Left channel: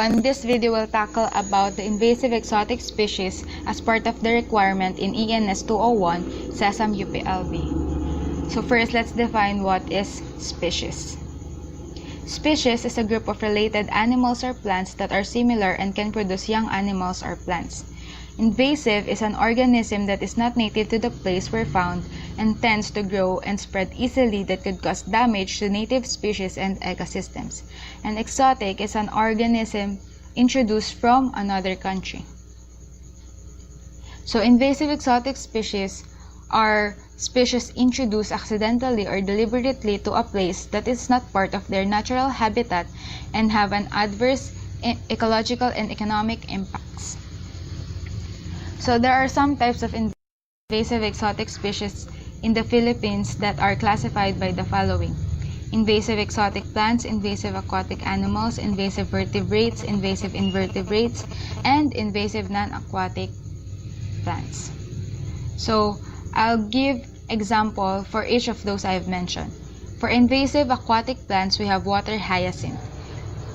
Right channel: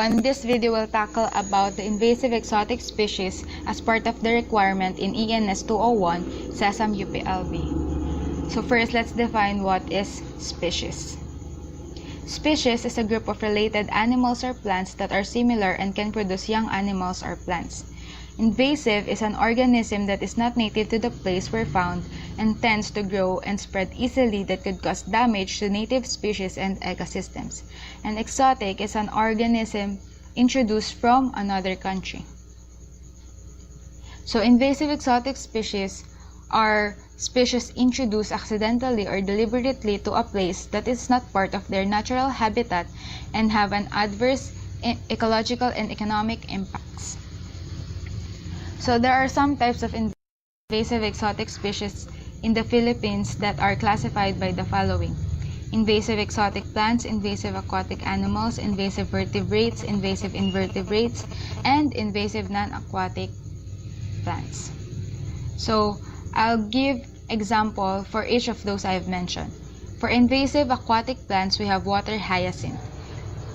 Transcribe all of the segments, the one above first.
on this video will tackle about the invasive exotic species as part of the requirement in ENS 201 SESAM UPLB. So first, let's define what is species. Species is a group of related animals or plants that are similar and can produce young animals or plants. Invasive is an organism that is not native to the place where found and tends to grow and spread easily that could cause damage to native species and ecosystems. And exotic is an organism introduced from another country. So invasive exotic species are species introduced accidentally or deliberately to a place that is not part of their natural habitat and have an adverse ecological and economic impacts. So there are some types of invasive exotic species in the Philippines that are classified by the following: invasive exotic plants, invasive aquatic animals, invasive vertebrates, invasive invertebrates, and invasive non-aquatic plants. So I'll give example for each of those I've mentioned. For invasive aquatic plants, we have water hyacinth.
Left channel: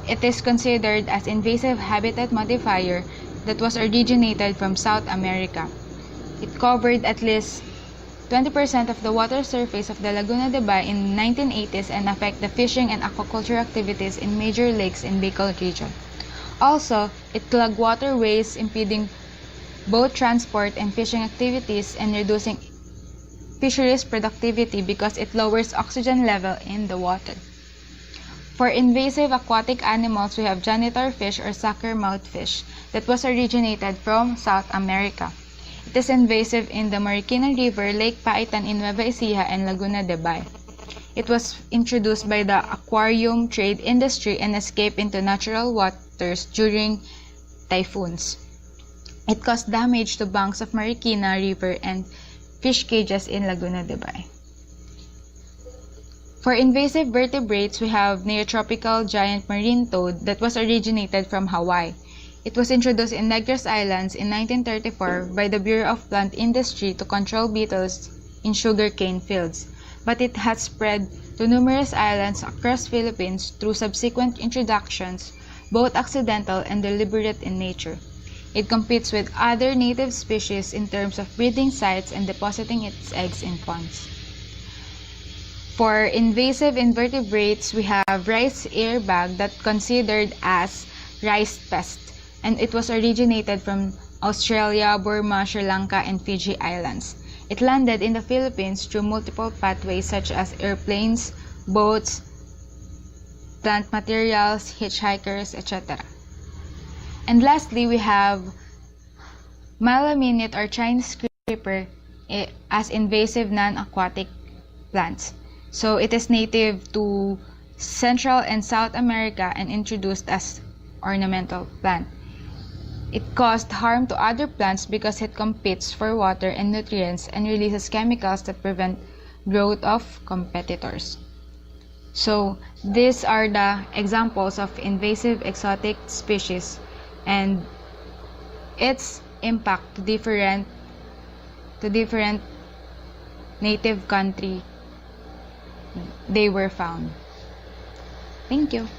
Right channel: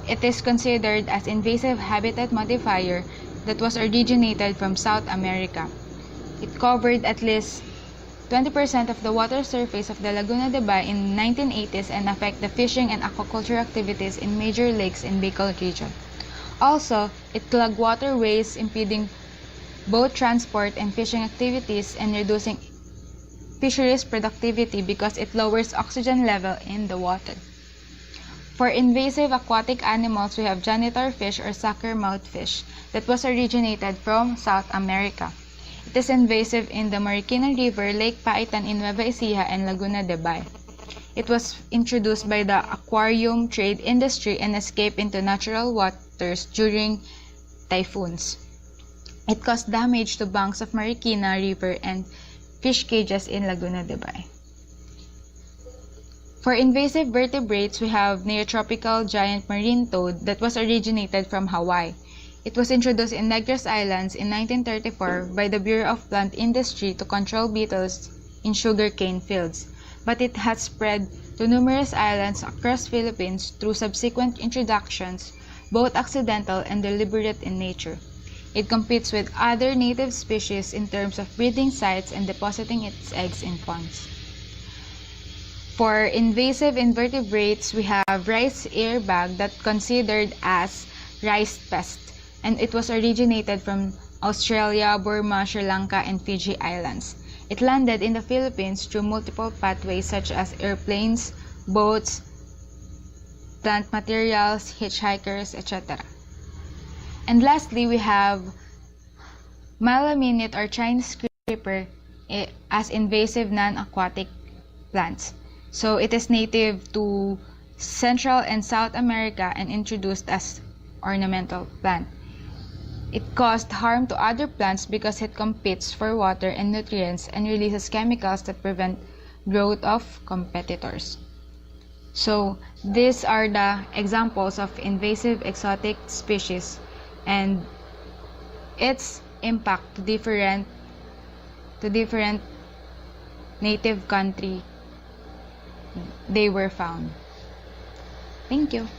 It is considered as invasive habitat modifier that was originated from South America. It covered at least 20% of the water surface of the Laguna de Bay in the 1980s and affect the fishing and aquaculture activities in major lakes in Bicol region. Also, it clogged waterways, impeding boat transport and fishing activities and reducing fisheries productivity because it lowers oxygen level in the water. For invasive aquatic animals, we have janitor fish or sucker-mouth fish that was originated from South America. It is invasive in the Marikina River, Lake Paitan in Nueva Ecija, and Laguna de Bay. It was introduced by the aquarium trade industry and escaped into natural waters during typhoons. It caused damage to banks of Marikina River and fish cages in Laguna de Bay. For invasive vertebrates, we have neotropical giant marine toad that was originated from Hawaii. It was introduced in Negros Islands in 1934 by the Bureau of Plant Industry to control beetles in sugarcane fields, but it has spread to numerous islands across Philippines through subsequent introductions, both accidental and deliberate in nature. It competes with other native species in terms of breeding sites and depositing its eggs in ponds. For invasive invertebrates, we have rice airbag that considered as rice pest, and it was originated from Australia, Burma, Sri Lanka, and Fiji Islands. It landed in the Philippines through multiple pathways such as airplanes, boats, plant materials, hitchhikers, etc. And lastly, we have Malaminute or Chinese creeper as invasive non-aquatic plants. So it is native to Central and South America and introduced as ornamental plant. It caused harm to other plants because it competes for water and nutrients and releases chemicals that prevent growth of competitors. So these are the examples of invasive exotic species and its impact to different native country they were found. Thank you.